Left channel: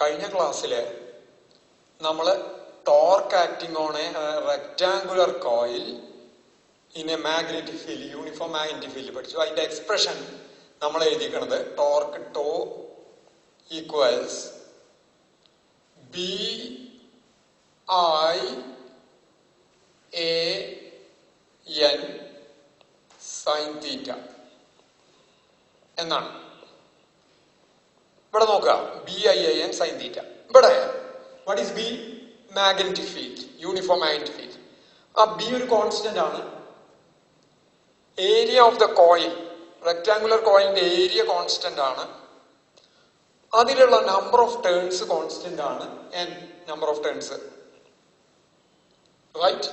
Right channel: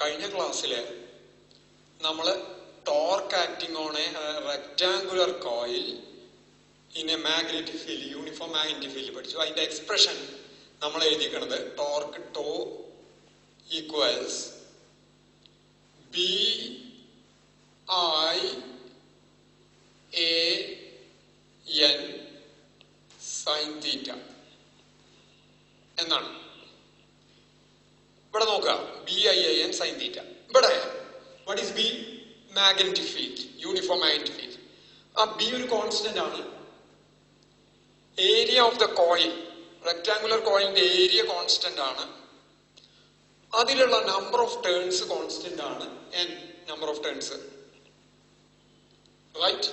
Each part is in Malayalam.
കഴിഞ്ഞ ക്ലാസ്സില് നമ്മള് torque acting on a rectangular coil in a magnetic field, uniform magnetic field പഠിച്ചു. അതിന്റെ എക്സ്പ്രഷൻ നമ്മൾ എഴുതിക്കണത് torque tau equals B I A N sine theta എന്നാണ്. ഇവിടെ നോക്കുക, B I A N sine theta. ഇവിടെ what is B? Magnetic field, uniform magnetic field. ആ ബി ഒരു കോൺസ്റ്റന്റ് ആണ്. Area of the coil, rectangular കോയിലിന്റെ ഏരിയ കോൺസ്റ്റന്റ് ആണ്. അതിലുള്ള നമ്പർ ഓഫ് ടേൺസ് കോൺസ്റ്റന്റ് ആണ്, N number of turns, right?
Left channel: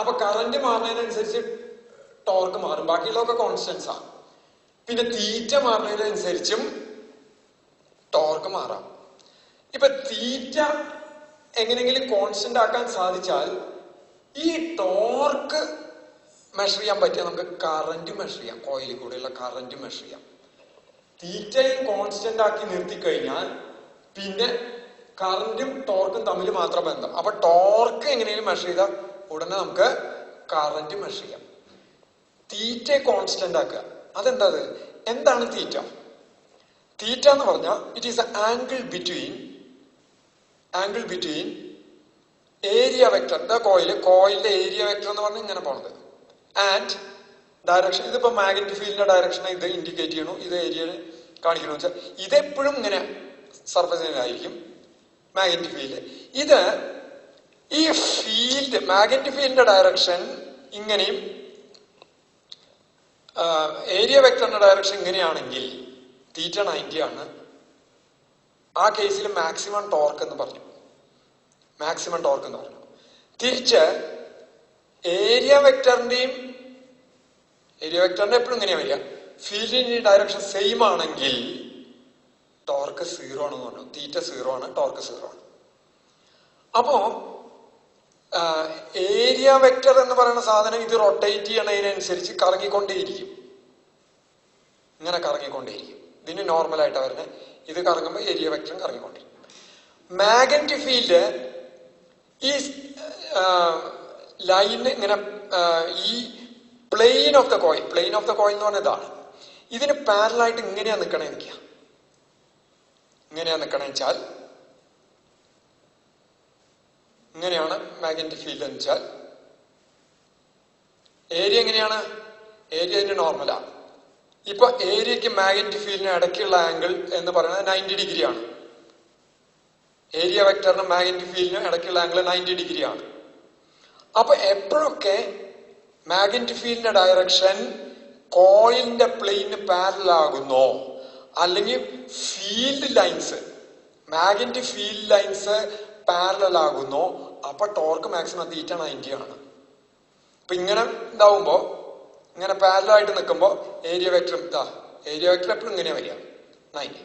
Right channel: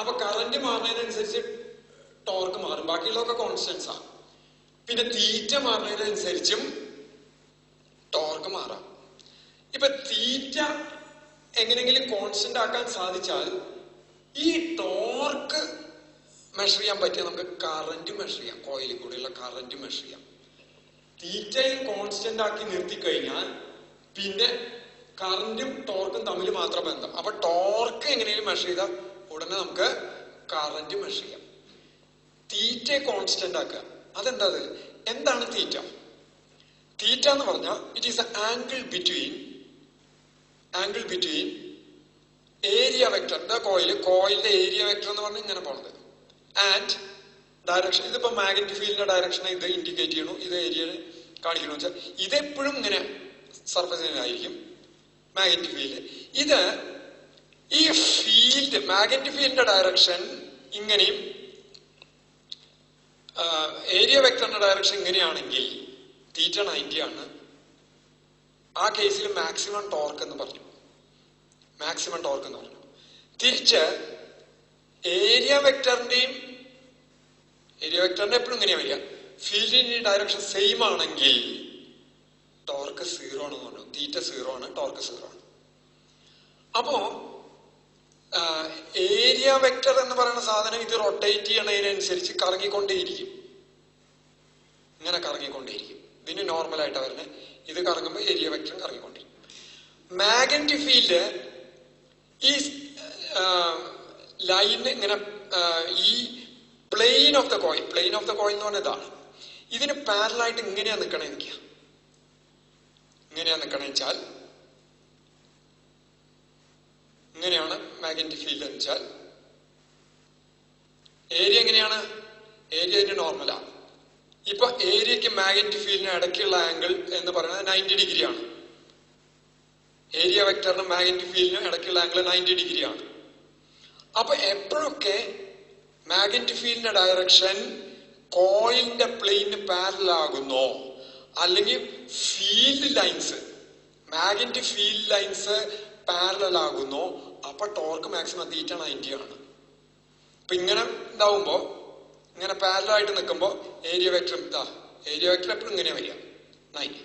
അപ്പൊ കറന്റ് മാറുന്നതിനനുസരിച്ച് ടോർക്ക് മാറും, ബാക്കിയുള്ളതൊക്കെ കോൺസ്റ്റന്റ്സ് ആണ്. പിന്നെ തീറ്റ മാറുന്നതിനനുസരിച്ചും ടോർക്ക് മാറാം. ഇപ്പൊ തീറ്റ എങ്ങനെയെങ്കിലും കോൺസ്റ്റന്റ് ആക്കാൻ സാധിച്ചാൽ ഈ ടോർക്ക് മെഷർ ചെയ്യാൻ പറ്റിയാൽ നമുക്ക് കറന്റ് മെഷർ ചെയ്യാം, കോയിലിൽ കൂടെയുള്ള കറന്റ് മെഷർ ചെയ്യാം. തീറ്റയിൽ കോൺസ്റ്റന്റ് ആക്കി നിർത്തി കഴിഞ്ഞാൽ പിന്നെ കറന്റും ടോർക്കും തമ്മിൽ മാത്രം ബന്ധം. അപ്പൊ ടോർക്ക് എങ്ങനെയും മെഷർ ചെയ്താൽ ഉടനെ നമുക്ക് കറന്റ് മെഷർ ചെയ്യാം. തീറ്റ കോൺസ്റ്റന്റ് ആക്കുക, അതെന്താ? എന്താണ് തീറ്റ? തീറ്റ എന്ന് പറഞ്ഞാൽ it is angle between area vector, the കോയിലിന്റെ ഏരിയ വെക്ടർ എന്ന് പറഞ്ഞാൽ ഇങ്ങനെ പോണത്, ആൻഡ് ഡയറക്ഷൻ. ഇതിപ്പോ മാഗ്നറ്റിക് ഫീൽഡിന്റെ ഡയറക്ഷനെ ഇത് ഇൻഡിക്കേറ്റ് ചെയ്യണു, ഇത് ഏരിയ കാണിക്കണമെന്ന് വെച്ചാൽ ഇതെപ്പോഴും ഇങ്ങനെ സർഫസിലായിരിക്കും മാഗ്നറ്റിക് ഫീൽഡ്. ഇത് ഈ ഫീൽഡ് മാഗ്നറ്റിക് ഫീൽഡിന്റെ ഡയറക്ഷൻ ഇങ്ങനെയും ഏരിയ വെക്ടറിന്റെ ഡയറക്ഷൻ ഇങ്ങനെയാണെങ്കിൽ തീറ്റ 90 ആണ്. ആ കേസിൽ മാക്സിമം ടോർക്ക് എന്ന് പറഞ്ഞു. തിരിച്ച് ഏരിയ വെക്ടറിന്റെ എപ്പോഴും ഇങ്ങനെയാ വരിക, ഫീൽഡിന്റെ ഡയറക്ഷൻ സെയിം ആണെങ്കിൽ ടോർക്ക് 0 ആണെന്ന് പറഞ്ഞു. തീറ്റ 0 ആണ്, ടോർക്ക് 0 ആണ്. അപ്പോ ഏരിയ വെക്ടർ എന്ന് പറയുന്ന സാധനം ഇത് റൊട്ടേറ്റ് ചെയ്യണതിനനുസരിച്ച് കറങ്ങിക്കൊണ്ടേയിരിക്കും, ഇങ്ങനെ കറങ്ങിക്കൊണ്ടേയിരിക്കും. ഇതിന് നോർമലായിട്ടാണ് വരുന്നത്. ഇത് കറങ്ങുമ്പോൾ ഏരിയ വെക്ടറും കറങ്ങിക്കൊണ്ടിരിക്കും. മാഗ്നറ്റിക് ഫീൽഡ് ഈ ലൈന് ഇങ്ങനെ ഈ പ്ലെയിൻ ഓഫ് ദ കോയിൽ എന്ന് പറഞ്ഞ ഇതാണ്. ഇതിന് പാരലായിട്ട് ഇങ്ങനെയാ നിൽക്കണേ വെച്ചാൽ ഇങ്ങനെയാണ് മാഗ്നറ്റിക് ഫീൽഡ് എന്ന് വെച്ചാൽ. ഏരിയ എങ്ങനെയാണ്? ഏരിയ അതിന്റെ നോർമലാണ്. ഇപ്പൊ ഏരിയക്ക് മാഗ്നറ്റിക് ഫീൽഡിന് ഇടയ്ക്കുള്ള ആംഗിൾ എന്ന് പറയുന്നത് 90 ഡിഗ്രി ആണ്. ഏരിയ വെക്ടറിനും മാഗ്നറ്റിക് ഫീൽഡിനും ഇടയ്ക്കുള്ള ആംഗിൾ 90 ഡിഗ്രി ആണ്. അപ്പൊ എപ്പോഴൊക്കെ മാഗ്നറ്റിക് ഫീൽഡിന്റെ ഡയറക്ഷൻ കോയിലിന്റെ പ്ലെയിന് പാരലൽ ആകുന്നോ, അല്ലെങ്കിൽ മാഗ്നറ്റിക് ഫീൽഡ് ലൈൻസ് പാരലൽ ആകുന്നോ, അപ്പൊ ടോർക്ക് മാക്സിമം തീറ്റ 90 ആണ്. അപ്പൊ ഇങ്ങനെ ഉണ്ടാവുമ്പോ, ഇങ്ങനെ പാരലായിട്ട് നിൽക്കുമ്പോ ഏരിയ വെക്ടർ എപ്പോഴും ഇങ്ങനെയാ വരിക, 90.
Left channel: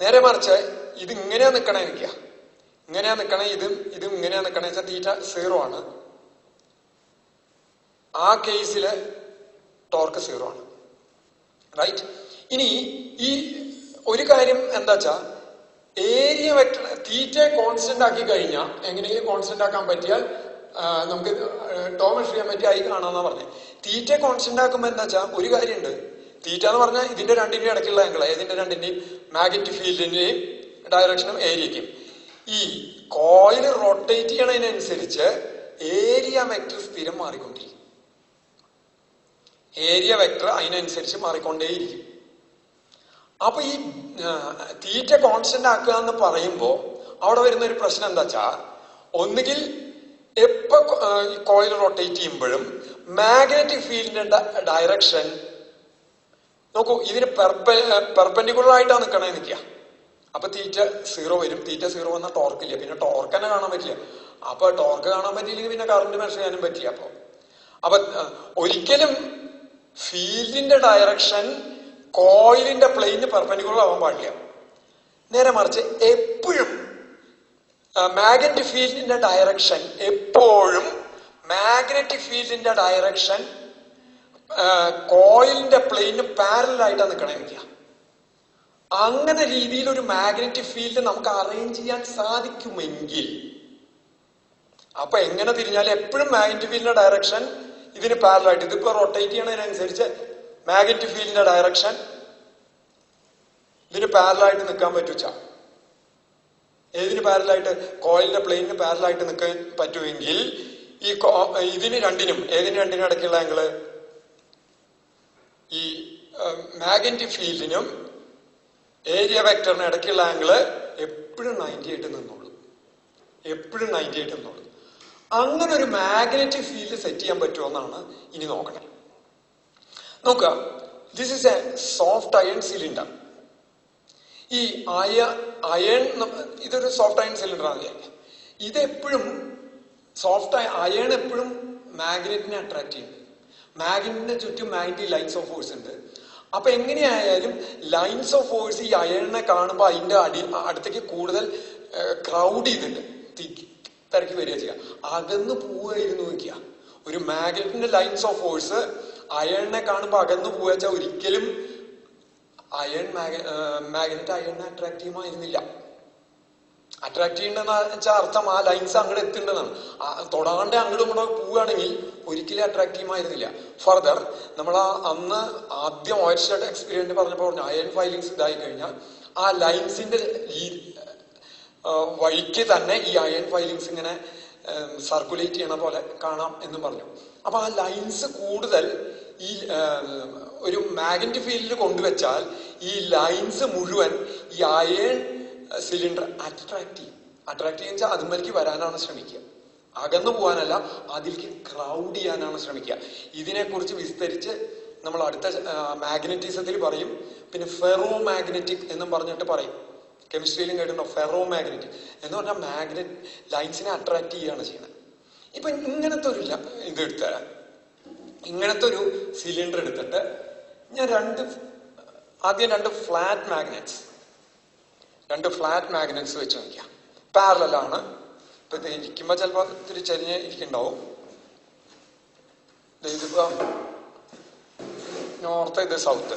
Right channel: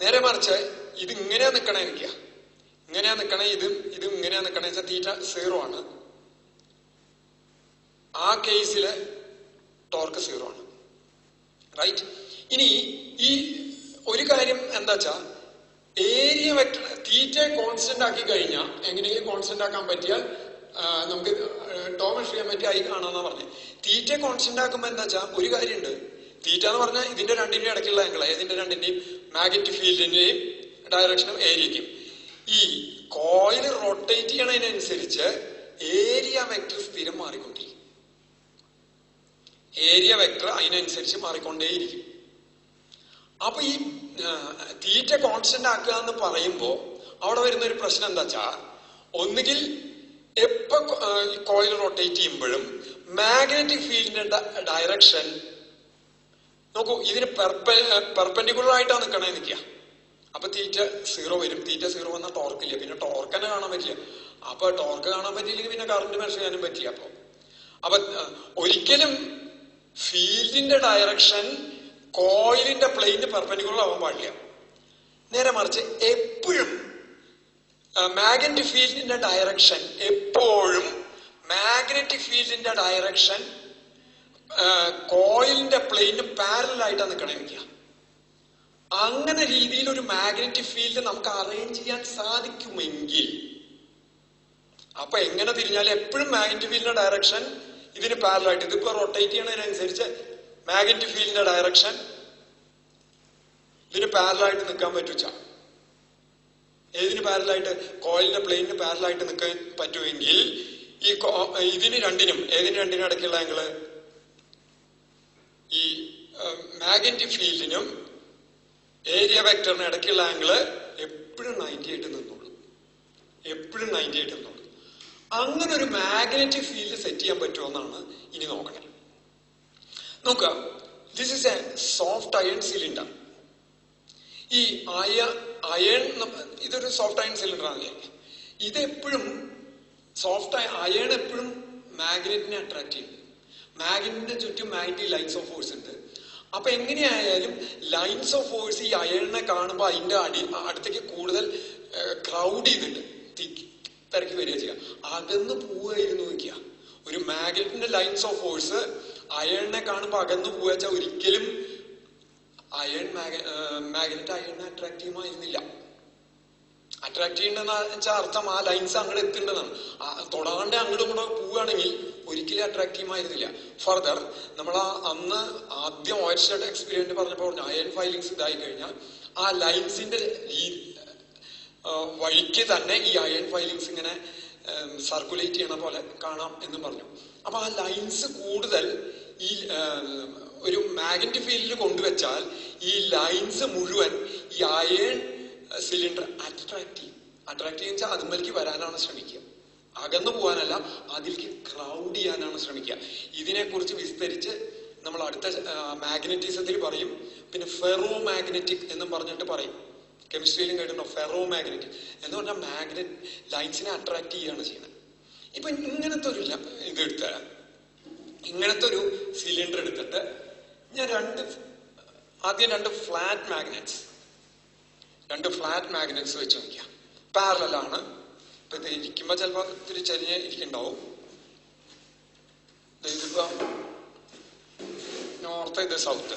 നേരെ മറിച്ച് ഇത് ഇങ്ങനെയാ നിക്കണേ വെക്കുക, ഇതും ഇങ്ങനെയാ നിക്കണേ വെച്ചാൽ തീറ്റ 0 ആണ്. ആ കേസില് ടോർക്ക് 0 ആണ്, റൈറ്റ്? ഇനി ഈ ഒരു കാര്യം എന്താ വെച്ചാ, ഏരിയ വെക്ടർ തീറ്റയെ കോൺസ്റ്റന്റ് ആക്കി കഴിഞ്ഞാൽ, എങ്ങനെയെങ്കിലും കോൺസ്റ്റന്റ് ആക്കാൻ പറ്റിയാൽ നമുക്ക് ടോ മെഷർ ചെയ്യാൻ പറ്റി ആയി കാണാന്നാ പറഞ്ഞത്. തീറ്റ കോൺസ്റ്റന്റ് ആക്കുമ്പോ എന്താ വെച്ചാൽ ഒരു കാര്യമുണ്ട്. തീറ്റ എന്ന് പറഞ്ഞാൽ ഇതിന്റെ രണ്ടിന്റെയും ഇടയ്ക്കുള്ള ആംഗിൾ, ഇതിന്റെ രണ്ടിന്റെയും മാഗ്നറ്റിക് ഫീൽഡിന്റെയും ഡയറക്ഷനും ഏരിയക്കും. ഈ കോയിൽ റൊട്ടേറ്റ് ചെയ്യണതിനനുസരിച്ച് ഏരിയ വെക്ടർ സ്ഥിരം മാറിക്കൊണ്ടിരിക്കും. ഏരിയ വെക്ടർ അതിനനുസരിച്ച് മാറിക്കൊണ്ടേയിരിക്കും. അപ്പൊ ഈ തീറ്റ കോൺസ്റ്റന്റ് ആക്കുക എന്ന് പറയുമ്പോ അവിടെ വരുന്ന ഒരു പ്രശ്നം എന്താ വെച്ചാ, ഒന്നുകിൽ എപ്പോ കോയിൽ റൊട്ടേറ്റ് ചെയ്യുമ്പോഴും മാഗ്നറ്റിക് ഫീൽഡിന്റെ ഡയറക്ഷൻ നോക്കൂ, ഇതിന് പെർപെൻഡിക്കുലർ ആയിട്ടാണ് നിൽക്കുക. അപ്പൊ തീറ്റ 0 വരും. തീറ്റ 0 വന്നാൽ ടോർക്കില്ല, പിന്നെ ടോർക്ക് തന്നെ കാണാൻ പറ്റില്ല. അപ്പൊ ടോർക്ക് കാണാൻ പറ്റിയില്ലെങ്കിൽ പിന്നെ കറണ്ട് മെഷർ ചെയ്യാനും പറ്റില്ല. അപ്പൊ ഒരിക്കലും ഫീൽഡിന്റെ ഡയറക്ഷൻ കോയിലിന്റെ പ്ലെയിന് പെർപെൻഡിക്കുലർ ആവാൻ പാടില്ല. നേരെ മറിച്ച് എപ്പോഴും മാഗ്നറ്റിക് ഫീൽഡിന്റെ ഡയറക്ഷൻ കോയിലിന്റെ പ്ലെയിന് പാരലൽ ആയിട്ടാണ് നിൽക്കണേ വെക്കുക. അങ്ങനെ രീതിയിൽ ഒരു മാഗ്നറ്റിക് ഫീൽഡ് നമുക്ക് അറേഞ്ച് ചെയ്യാൻ സാധിക്കുമെങ്കിൽ, അപ്പൊ എങ്ങനെ തിരിഞ്ഞാലും എപ്പോഴും മാഗ്നറ്റിക് ഫീൽഡിന്റെ ഡയറക്ഷൻ ഇതിന് പാരലായിട്ട്, ഇതിപ്പോ റൊട്ടേറ്റ് ചെയ്യണതിനനുസരിച്ച് മാഗ്നറ്റിക് ഫീൽഡിന്റെ ഡയറക്ഷൻ ഇതിന് പാരലായിട്ട് നിൽക്കാൻ പറ്റുക. ഏതിന് പാരലായിട്ട്? കോയിലിന്റെ പ്ലെയിനിന് പാരലായിട്ട് നിൽക്കാൻ പറ്റുമെങ്കിൽ ഈ ഇതിന് രണ്ടിനും, ഏതിന് രണ്ടിനും ഇടയ്ക്കുള്ള ആംഗിള്, ഈ മാഗ്നറ്റിക് ഫീൽഡിനും ഏരിയ വെക്ടറിന് ഇടയ്ക്കുള്ള ആംഗിള് എപ്പോഴും 90 ആയിട്ട് നിന്നോളൂ, എപ്പോഴും 90 ആയിട്ട് നിന്നോളൂ. അങ്ങനെ ഒരു മാഗ്നറ്റിക് ഫീൽഡ് സെറ്റ് ചെയ്യാൻ പറ്റുമെന്നാണ് ഇനി നോക്കണേ. നോക്കുക, this is A soft iron cylinder. ഈ അയൺ, ഇതൊരു സോഫ്റ്റ് അയൺ സിലിണ്ടർ ആണ്. ഇതെപ്പോഴും സോഫ്റ്റ് അയൺ എപ്പോഴും മാഗ്നറ്റിനെ അട്രാക്ട് ചെയ്യുന്നുണ്ട്. മാഗ്നറ്റിന്റെ ചുറ്റും മാഗ്നറ്റിക് ലൈൻസ് ഓഫ് ഫോഴ്സ് ഉണ്ട്. അപ്പൊ എങ്ങനെയായാലും ലൈൻസ് ഓഫ് ഫോഴ്സ് ഈ അയണിനെ കാണുമ്പോൾ അതിന്റെ അടുത്തേക്ക് കൂടുതൽ ക്രൗഡ് ചെയ്തിട്ട് തിരക്കി വരിക ചെയ്യുക. അകന്ന് പോവുകയായിരുന്നു നോക്കിയ ഒരു മാഗ്നറ്റിന്റെ ലൈൻസ് ഓഫ് ഫോഴ്സ് അയണിനെ കാണുമ്പോൾ അകന്ന് പോവുക വെച്ചാൽ ഒരിക്കലും മാഗ്നറ്റ് അയണിനെ അട്രാക്ട് ചെയ്യുമായിരുന്നില്ല. അട്രാക്ട് ചെയ്യേണ്ടെന്ന് വെച്ചാൽ അർത്ഥം ആ ലൈൻസ് അങ്ങോട്ട് എത്തേണ്ടതാണ്. തൊടാണ്ട് അങ്ങോട്ടും ഇങ്ങോട്ടും പോവുകയാണെങ്കിൽ ഒരിക്കലും അട്രാക്ട് ചെയ്യുമായിരുന്നില്ല. ഫർദർ നമ്മൾ അന്ന് ആദ്യം ഓയിൽഷെഡ് എക്സ്പീരിയൻസ് പറഞ്ഞപ്പോൾ അയൺ ഫൈലിങ്സ് ഇതായി കഴിഞ്ഞാൽ ആ ലൈൻസിന്റെ വഴിക്ക് തന്നെ ഈ അയൺ ഫൈലിങ്സ് ഇങ്ങനെ സർക്കുലേറ്റ് ചെയ്യണ പോലെ കാണാം എന്നും പറഞ്ഞു. അപ്പൊ ആ ലൈൻസ് കൂടുതൽ ഈ ഒരു മാഗ്നറ്റിക് ഫീൽഡിൽ കൊണ്ടുവച്ചാൽ ഈ ലൈൻസ് മുഴുവൻ ഈ അയൺ സിലിണ്ടർ അട്രാക്ട് ചെയ്യും. അട്രാക്ട് ചെയ്യുന്ന വെച്ചാൽ അതുമേലേക്ക് വരാനാണ് ശ്രമിക്കുക, അകന്നു പോകാനല്ല, അതിലേക്ക് ക്രൗഡ് ചെയ്യാനാണ് ശ്രമിക്കുക. ഇതിനെക്കുറിച്ച് വിസ്തരിച്ച് നമ്മൾ അടുത്ത മാഗ്നറ്റിസത്തിൽ പറയും. പിന്നെ ഫെറോ മാഗ്നറ്റിക് എന്നും പറഞ്ഞിട്ട് പറയും. കെമിസ്ട്രിയിലും കേട്ടിട്ടുണ്ടോ ഫെറോ മാഗ്നറ്റിക് എന്ന് പറഞ്ഞാൽ മാഗ്നറ്റ് ലൈൻസിനെ അട്രാക്ട് ചെയ്യുകയാണ് ചെയ്യുന്നത്. ഇപ്പൊ ഇങ്ങനത്തെ ഒരു ഇങ്ങനത്തെ ഒരു സിലിണ്ടർ എടുത്തിട്ട് ഞാൻ ആദ്യം രണ്ട് ഫ്ലാറ്റ് മാഗ്നറ്റ്സ് വെച്ച് നോക്കിയാം. പാരലാണ്. ഇപ്പൊ ഇത് ഇരിക്കുമ്പോ ചിലപ്പോ ഇത്തിരി ചെരിഞ്ഞ് ഇരിക്കുന്നുണ്ടാവും. ഇതിപ്പോ നോർത്ത്, ഇത് സൗത്ത്.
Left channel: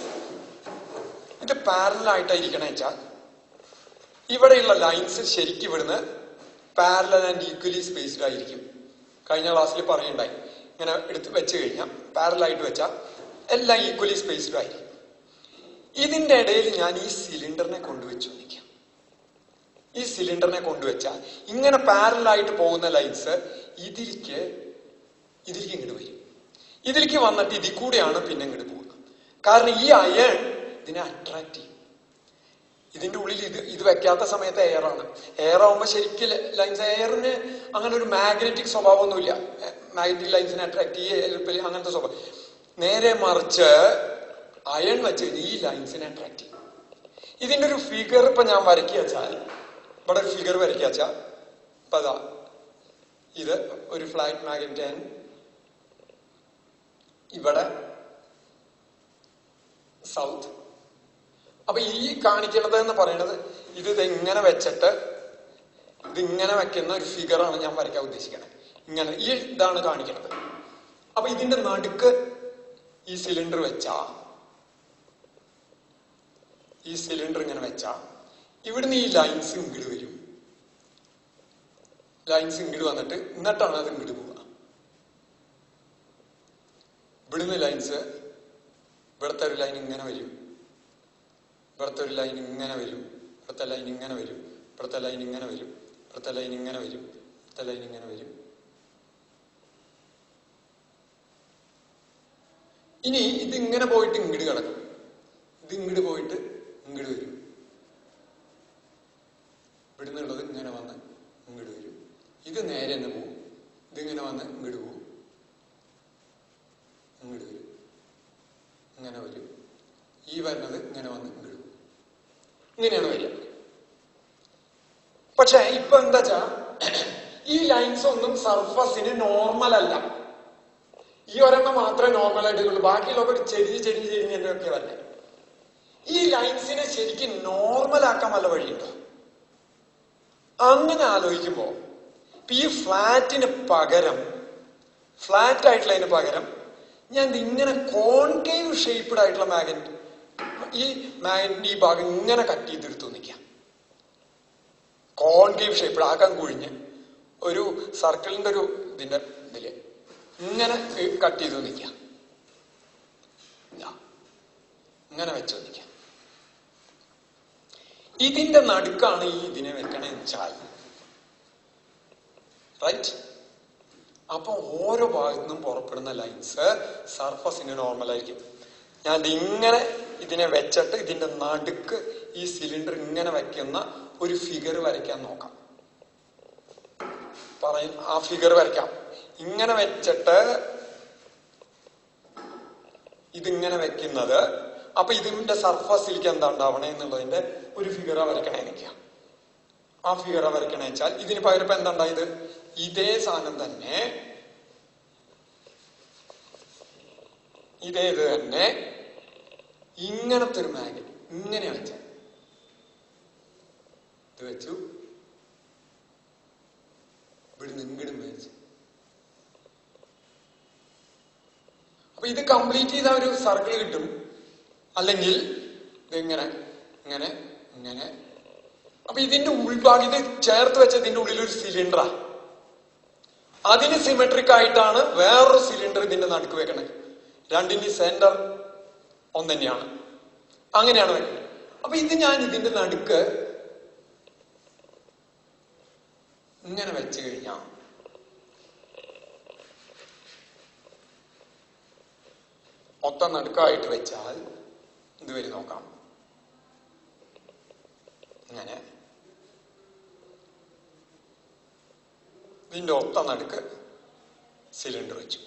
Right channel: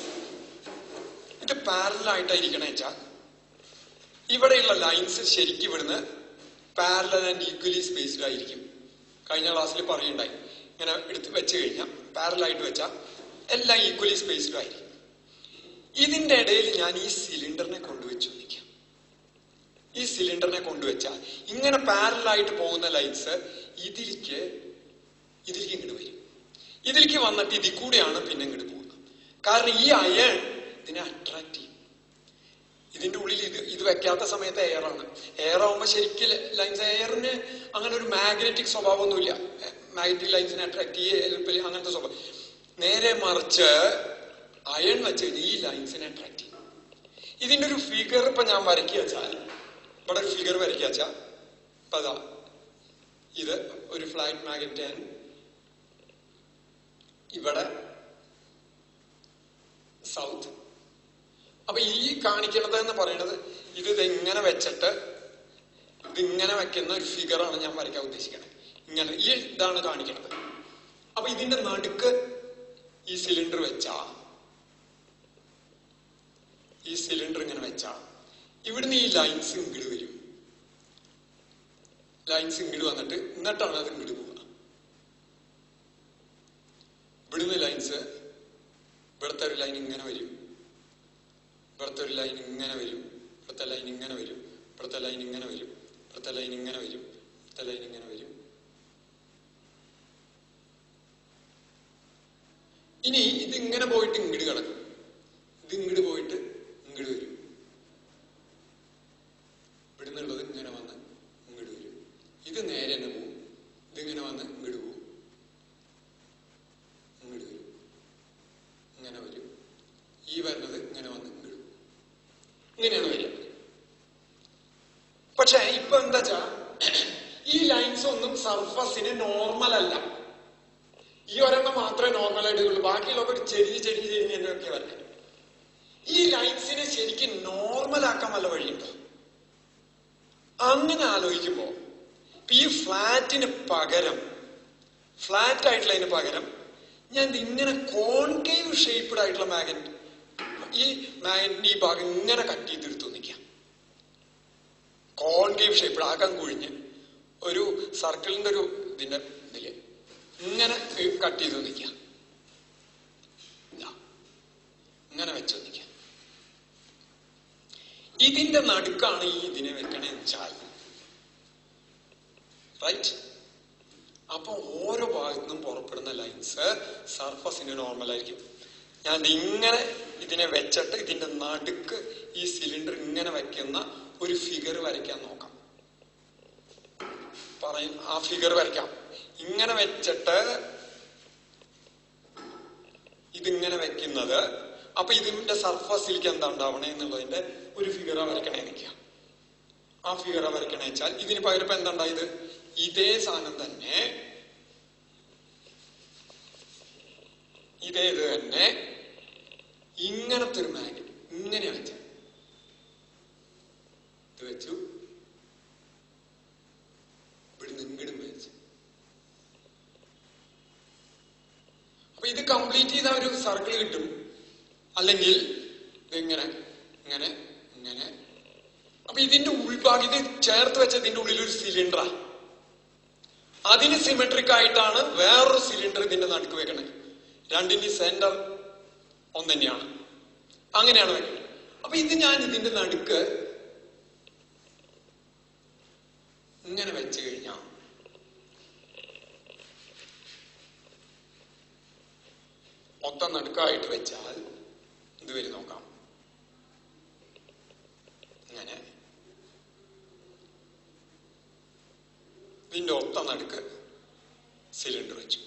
ഇത് പാരലായിട്ടായിരിക്കണ വെച്ചാൽ ഇവിടെയുള്ള ലൈൻസ് ശരിക്കും ഇവിടുന്ന് പാരലൽ ആൻഡ് ഈക്വലി സ്പേസ്ഡ് ആയിരിക്കും. കഴിഞ്ഞ ക്ലാസ്സിൽ പറയുണ്ടായി, ഇങ്ങനെ എടുത്ത് വെച്ച് കഴിഞ്ഞാൽ പാരലായിട്ട് വെച്ചാൽ എല്ലാം ഈക്വലി സ്പേസ്ഡ് ആയിരിക്കും. ഇതിന്റെ ഇടയിൽ ഞാൻ ഈ സിലിണ്ടറിനെ കൊണ്ടുവച്ചു നിൽക്കാം. ഈ സിലിണ്ടറിനെ കൊണ്ടുവച്ചാൽ ഇങ്ങനെ പാരലായിട്ട് പോകുന്ന ലൈൻസ് ഇതിലേക്ക് ഇങ്ങോട്ട് വരും. ഇതിലേക്ക് വന്നിട്ട് ഇതിൽ കൂടെയാണ് പിന്നെ ഇങ്ങോട്ട് പോകുന്നത്. കാരണം ഈ അയൺ ഇതിനെ അട്രാക്ട് ചെയ്യും. ഇതിന്റെ ഉള്ളിൽ ഇത് വെക്കാത്ത സമയത്ത് എയറാണ്. എയർ ആവുമ്പോൾ ശരിക്കും ലൈൻസ്, എയറിന് അങ്ങനെ ഒരു മാഗ്നറ്റിക് സ്വഭാവമൊന്നുമില്ല. മാഗ്നറ്റിക് ലൈൻസിനെ അട്രാക്ട് ചെയ്യുക അങ്ങനത്തെ സ്വഭാവം. നേരെ മറിച്ച് അയൺ വെച്ച് ഈ ലൈൻസിനെ അട്രാക്ട് ചെയ്യും. ഇതിന്റെ ഒരു ഫിഗർ ഇപ്പൊ ഞാൻ വരയ്ക്കുക വെച്ചാൽ, ഇവിടെ ഒരു ഫിഗർ വരയ്ക്കുക വെച്ചാൽ, ഇപ്പൊ അതാ ഇത് ഒരു ഫ്ലാറ്റ് മാഗ്നറ്റ് ആൻഡ് ഇവിടെ സൗത്ത്. അപ്പൊ ഈ കാണിക്കണത് എന്ന് പറയുന്നത് ഇത് ഇങ്ങനെ വെച്ചിട്ട് ഇതിങ്ങനെ വെക്കുന്ന ഒരു ഫിഗറാണ് ഞാൻ വരയ്ക്കാൻ ഉദ്ദേശിക്കണത്. ഇങ്ങനെ ഇതാണ് കാണിക്കണത്. അപ്പൊ ഇതിന്റെ നടുക്ക് ഈ സിലിണ്ടർ ഇങ്ങനെ വെച്ചാ ഇവിടുന്ന് ഈ ലൈൻസ് ഇങ്ങോട്ട് വരും. ലൈൻസ് ഇങ്ങോട്ട് വന്നിട്ട് എന്നിട്ടാണ് അത് ഇങ്ങോട്ട് പോവുക. ഇവിടുന്ന് ലൈൻസ്, ഇവിടുത്തെ ഒരു ലൈൻ ഇങ്ങനെ വരും, ഇവിടുത്തെ ഒരു ലൈൻ ഇങ്ങനെ വരും, ഇവിടുത്തെ ലൈൻ ഇങ്ങനെ വരും, ഇവിടുത്തെ ലൈൻ ഇങ്ങനെ വരും, ഇവിടുത്തെ ലൈൻ ഇങ്ങനെ വരും, ഇവിടുത്തെ ലൈൻ ഇങ്ങനെ വരും. ഇനി ഇതിങ്ങനെ പോയിട്ട് ഇങ്ങോട്ട് കിടക്കും. ഇത് ഇങ്ങോട്ട് പോയിട്ട് ഇങ്ങോട്ട് വരും. ഇവിടുന്നുള്ളത് ഇങ്ങനെ വന്ന് ഇങ്ങോട്ട് വരും. ഇത് നേരെ തന്നെ പോവും. ഇതിങ്ങനെ വന്ന് ഇങ്ങോട്ട് പോവും, ഇങ്ങോട്ട് വരും, ഇങ്ങനെ വരും. ഈ വരുന്നത് ഇങ്ങനെ വന്ന് ഇങ്ങോട്ട് പോവും. ഇങ്ങനെയാണ് വരിക. പക്ഷെ ഇപ്പൊ എന്താ വെച്ചാ ഈ ലൈൻസ് ഒന്നും സർഫസിന് നോർമൽ അല്ല. ഈ ഒരെണ്ണം മാത്രമേ നോർമൽ ആയിട്ടുള്ളൂ. ബാക്കിയുള്ളവർ ചെരിഞ്ഞൊക്കെ വരണേ. ഈ ലൈൻസിനെ ശരിക്കും നോർമൽ ആക്കാൻ വല്ല വഴിയുണ്ടോ? അങ്ങനെ ആലോചിക്കുമ്പോ ഈ ഫ്ലാറ്റ് ആയിട്ടുള്ളതിന് പകരം ഞാൻ ഇങ്ങനെ കോൺകേവ് ഷേപ്ഡ് ആയിട്ടുള്ള ഈ മാഗ്നറ്റിന്റെ ഈ ഭാഗം ഇങ്ങനെ കട്ട് ചെയ്തെടുത്തു നിൽക്കാം. കോൺകേവ് ഷേപ്പ് ആക്കാൻ കുഴിഞ്ഞ് ഒരു സർക്കിളിന്റെ ഒരു ഇതിന്റെ ഇതില് ഇങ്ങനെ കട്ട് ചെയ്തു നിൽക്കാം. ഇങ്ങനെ വെച്ച് നിൽക്കാം. ഇതിന്റെ നടുക്കാണ് ഈ ഇതിനെ വെക്കണേന്ന് വെച്ചാൽ റൈറ്റ്. അപ്പൊ ഓരോ ഭാഗത്തു നിന്നും പുറപ്പെടുന്ന ലൈൻസ് സർഫസിന് നോർമൽ ആയിരിക്കും. ഞാൻ ഇങ്ങനെ ഇതിനെ വെച്ചിട്ട് ഇതിന്റെ നടുക്ക് ഈ സിലിണ്ടർ ഇങ്ങനെ വെക്കുന്ന ഒരു ഫിഗർ വരയ്ക്കാൻ നോക്കാം. ആ ഫിഗർ വരയ്ക്കാം. ഇങ്ങനെ വെച്ചിട്ട് ഇതിങ്ങനെ വെക്കുന്നത്, അപ്പൊ ഇതിന്റെ സർഫസിലേക്ക് എന്താ ഉണ്ടാവണേ എന്നുള്ളതിന്റെ ഒരു ഫിഗറ വരയ്ക്കണേ നിൽക്കാം. ആ ഫിഗറ വരയ്ക്കണേ വെച്ചാൽ ഇതിന് പകരം ഇപ്പൊ എന്താ ഉണ്ടായത്, ഇതേ സാധനം തന്നെ ഇതേത് തന്നെ ഇങ്ങനത്തെ ഒരു മാഗ്നറ്റ് ഇങ്ങനെ വെച്ച ഇത് വെച്ചു, ഇവിടുന്ന് ഇങ്ങടും വെച്ചു. അപ്പൊ ഇത് കംപ്ലീറ്റ് ചെയ്ത ഒരു സർക്കിൾ കിട്ടും. അല്ലെങ്കിൽ ഇതിങ്ങനെ ഇങ്ങനെ ഇങ്ങനെ. അപ്പൊ ഇതിന്റെ ഉൾഭാഗം ഇത് ചേർത്ത് വെച്ച ഇതിന്റെ ഉള്ളിൽ ഒരു സിലിണ്ടറാ. അതിന് സിമെട്രിക് ആയിട്ടാണ് വേറൊരു സിലിണ്ടർ ഇതിന്റെ നടുക്ക് വെക്കണത്. രണ്ടിന്റെ സെന്റർ ഒന്ന് തന്നെയാണ്. അങ്ങനെയാണ് വെക്കുന്നത്. അപ്പൊ ഇത് ഞാൻ ഇതിന്റെ നടുക്ക് ഇങ്ങനെ വെച്ച് കഴിഞ്ഞാൽ മൊത്തം നടുക്കായിട്ട് വെച്ചാൽ ഇത് വരെ നോക്കാം. ഇങ്ങനെ ഇതിന്റെ ഒത്ത നടുക്ക് സിലിണ്ടർ വെച്ചു.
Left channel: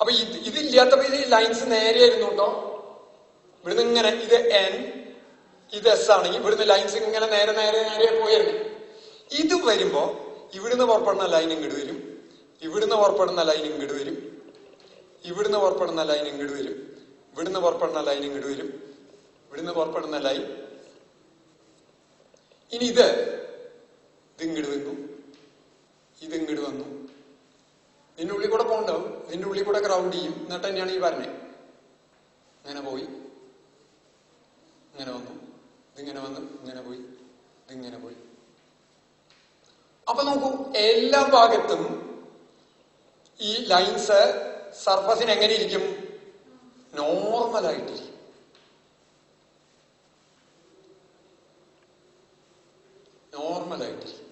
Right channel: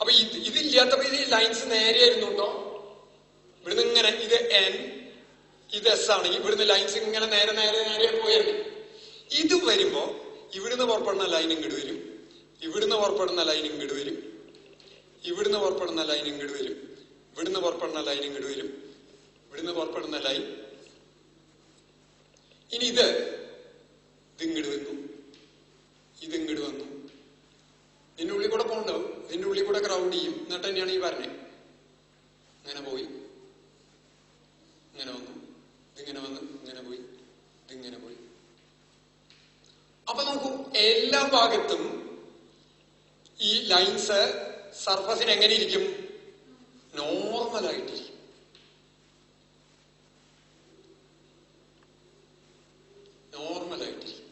അപ്പൊ ഇതില്ലാത്തപ്പോ ഇത് ലൈൻസ് നേരെയായിരുന്നു കേട്ടോ. ഇവിടുന്ന് ഇങ്ങനെ ഇത് എൻ ഇത് എസ് ആണെങ്കിൽ ഇവിടുന്ന് ലൈൻസ് ഇങ്ങനെ നേരെ നേരെ നേരെ പോയിരുന്നു. ഇത് വരുമ്പോ ഇവിടുന്ന് പുറപ്പെടുന്ന ലൈൻ ഇങ്ങോട്ട് വരും, ഇവിടുന്ന് പുറപ്പെടുന്ന ലൈൻ ഇങ്ങോട്ട് വരും, ഇവിടുന്ന് പുറപ്പെടുന്ന ലൈൻ ഇങ്ങോട്ട് വരും, ഇവിടുന്ന് പുറപ്പെടുന്ന ലൈൻ ഇങ്ങോട്ട് വരും, ഇവിടുന്ന് പുറപ്പെടുന്ന ലൈൻ. ഇനി ഇത് ഇങ്ങോട്ട് വന്നു, ഇത് ഇങ്ങോട്ട് വന്നു. ഇതിന്റെ ഉള്ളിൽ കൂടെ പോകണ്ടാവും, ഇതിന്റെ ഉള്ളിൽ കൂടെ ഗ്രൗണ്ട് ചെയ്യും. എന്നിട്ട് തന്നെയാണ് ഈ പറഞ്ഞത്. ഇങ്ങനെ പോയി, ഇങ്ങനെ വന്നു, ഇതിങ്ങനെ വന്നു, ഇങ്ങനെ പോയി, ഇതിങ്ങനെ പോയി. അപ്പൊ നോക്കൂ, എല്ലാ ഭാഗത്തും ഈ ലൈൻസ് സർഫസിന് എങ്ങനെ ഇരിക്കും? നോർമലായിട്ടിരിക്കും. നോർമലായിട്ടിരിക്കും.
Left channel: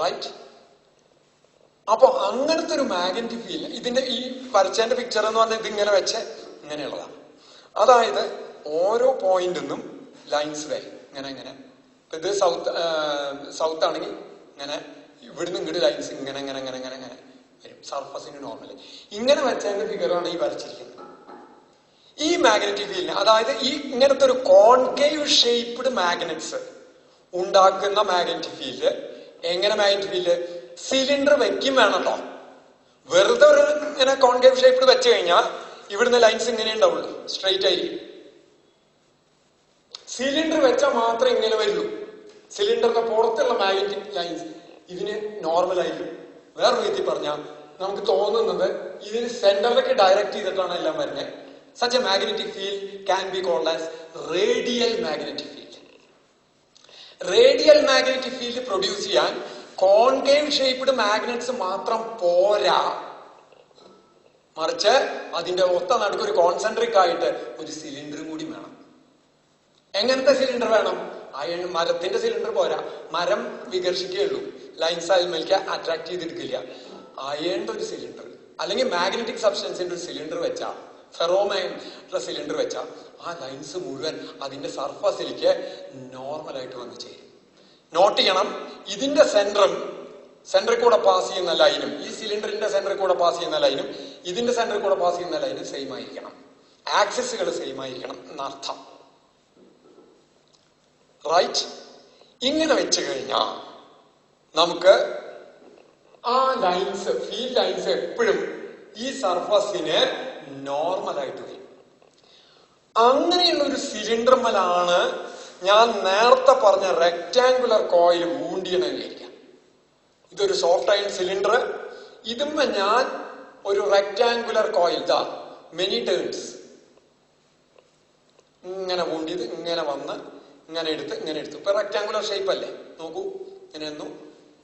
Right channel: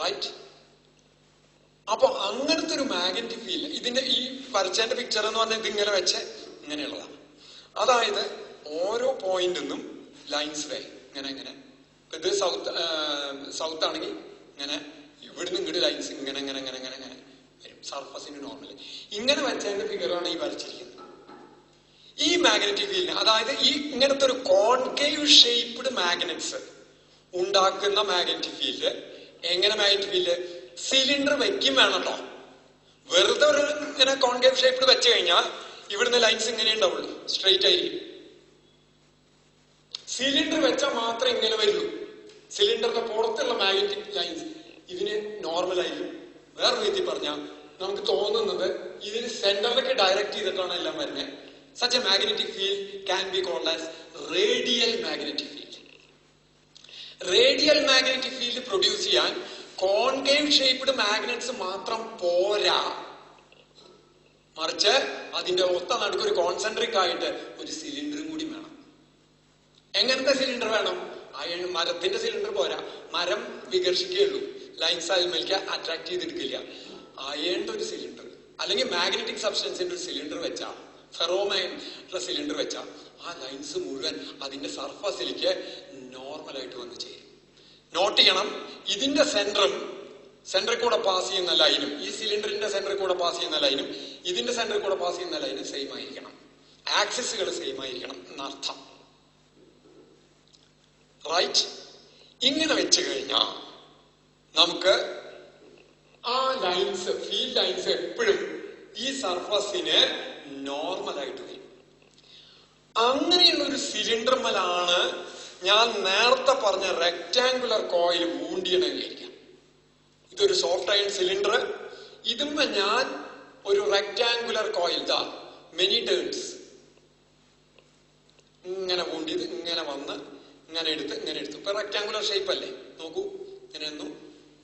റൈറ്റ്. അപ്പൊ അങ്ങനത്തെ ഒരു മാഗ്നറ്റിക് ഫീൽഡ് ഇതിന്റെ ഈ വരച്ചതിന്റെ പിക്ചർ എന്ന് പറഞ്ഞാൽ ഇതിങ്ങനെ വെച്ച് ഇങ്ങനെയുള്ളതാണ്. അതായത് ഓരോ പോയിന്റിൽ നിന്നും ലൈൻസ് വരും ഇങ്ങനെ ഇങ്ങനെ. ഇത് സൗത്ത് ആണെങ്കിൽ ഇങ്ങനെ ഇവിടുന്ന് ഇങ്ങോട്ട് ലൈൻസ് ഇങ്ങനെ ഇങ്ങനെ ഇങ്ങനെ ഇങ്ങനെ ഇങ്ങനെ വരും. സർഫസിന് നോർമൽ ഇങ്ങനെ വെച്ചതിന്റെ ഫിഗറാണ് ഈ വരച്ചിരിക്കുന്നത്. ഈ മാഗ്നറ്റിക് ഫീൽഡ്, അതായത് ഈ ഇങ്ങനത്തെ ഒരു കോൺകേവ് ഷേപ്ഡ് മാഗ്നറ്റ്സ് ഉണ്ടാക്കുന്ന മാഗ്നറ്റിക് ഫീൽഡ്. എങ്ങനെ മാഗ്നറ്റിക് ഫീൽഡ്? സിലിണ്ടർ വെക്കും വേണല്ലോ. വെറുതെ ഒരു ഇങ്ങനെ കോൺകേവ് ഷേപ്ഡ് വെച്ച് കഴിഞ്ഞാൽ ഇവിടുന്ന് ലൈൻസ് ഇങ്ങനെ ഉണ്ടാവുള്ളൂ, സ്ട്രെയിറ്റ് ആയിരിക്കും. സിലിണ്ടർ വെച്ചാൽ മാത്രമേ ഇങ്ങനെ വരുള്ളൂ. സിലിണ്ടറിന്റെ പുറത്തുള്ള മാഗ്നറ്റിക് ലൈൻസ് ഇതിന് നോർമൽ ആയിരിക്കും. വേറെ രീതി പറഞ്ഞാൽ നമുക്ക് തോന്നുന്നത് ഇതിന് സെന്ററിലേക്ക് ഡയറക്റ്റ് ചെയ്തിട്ടാണ് എല്ലാം വരുന്നത്. Such a magnetic field can be called as radial magnetic field. Radial magnetic field produce ചെയ്യാൻ കോൺകേവ് ഷേപ്ഡ് മാഗ്നറ്റ്സ് മാത്രം പോരാ, മറിച്ച് അതിന്റെ ഒത്ത നടുക്ക് ഒരു കോൺസെൻട്രിക് ആയിട്ട് ഒരു സിലിണ്ടർ കൂടി വേണം. എങ്ങനത്തെ സിലിണ്ടർ വേണം? മരത്തിന്റെ സിലിണ്ടർ പോരാ, മരം വികർഷിക്കുകയുള്ളൂ, ലൈൻസ് അതിലേക്ക് അട്രാക്ട് ചെയ്തെടുക്കില്ല. അയേണ്ട ഒരു സിലിണ്ടർ അല്ലെങ്കിൽ മാഗ്നറ്റിക് സബ്സ്റ്റൻസിന്റെ ഒരു സിലിണ്ടർ വെച്ചാ, ഫെറോമൈൻ്റെ സിലിണ്ടർ വെച്ചാ ആ ലൈൻസ് മുഴുവൻ അതിന്റെ സർഫസിലേക്ക് നോർമലായിട്ട് വന്ന് ചേരും. നോട്ട് ചെയ്യണം, ഇതിന്റെ സെന്ററിൽ കൂടെ പാസ് ചെയ്യുന്ന ലൈനും ഈ സിലിണ്ടറിന്റെ സെന്ററിൽ കൂടെ പാസ് ചെയ്യുന്ന ലൈനും ഇതിന്റെ സെന്ററിൽ കൂടെ പാസ് ചെയ്യുന്ന ലൈനും സെയിം ആയിരിക്കണം. ആക്സിസുകൾ സെയിം ആയിരിക്കണം എന്നർത്ഥം. റൈറ്റ്. ഇങ്ങനെ വെച്ച് കഴിഞ്ഞാൽ നമുക്ക് ആ ലൈൻസ്, ഫീൽഡ് ലൈൻസ് എപ്പോഴും ഈ സർഫസിന് നോർമലായിട്ട് വരും. അങ്ങനെയുള്ള ഒരു സിലിണ്ടർമലാണ് ഞാൻ നേരത്തെ പറഞ്ഞ റെക്ടാങ്കുലർ കോയിൽ വൂണ്ടിയണെന്നിരിക്കാം. ഇതൊരു സോഫ്റ്റ് അയൺ സിലിണ്ടർ. ഇതുമ്മ ഞാൻ ഒരു റെക്ടാങ്കുലർ കോയിൽ, ദാ മെനി ടേൺസ്, ഇങ്ങനെ പൂണ്ടിയത് ഇങ്ങനെ വന്ന് ഇങ്ങനെ എടുത്ത് ഇപ്പൊ റെക്ടാങ്കുലർ ഷേപ്പ് അല്ലേ, നോക്കൂ, ഇങ്ങനെ വന്നു,